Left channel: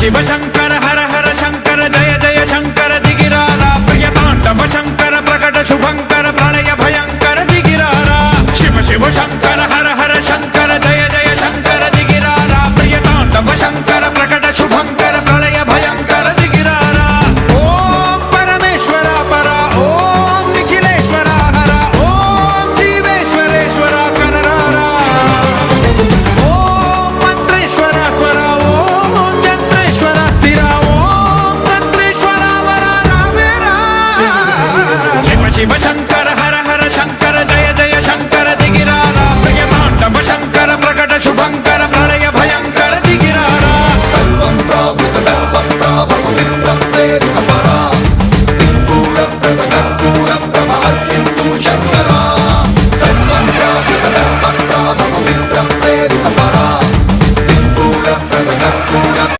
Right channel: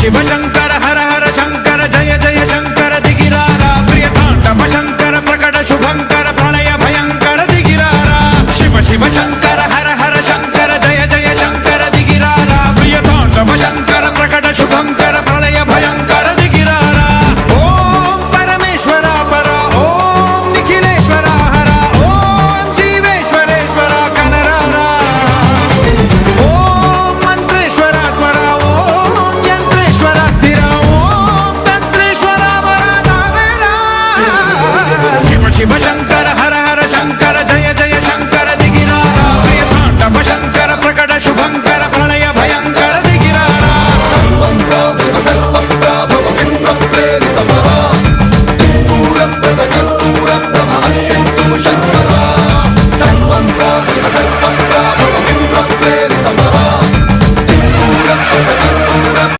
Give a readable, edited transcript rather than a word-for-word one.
शिव शंकर हर हर शंकर जय जय शंकर दिगिरारा प्रिय तांडव शंकर प्रकट शुभंकर प्रणय भयंकर दिगिरारा शिव शिव शंकर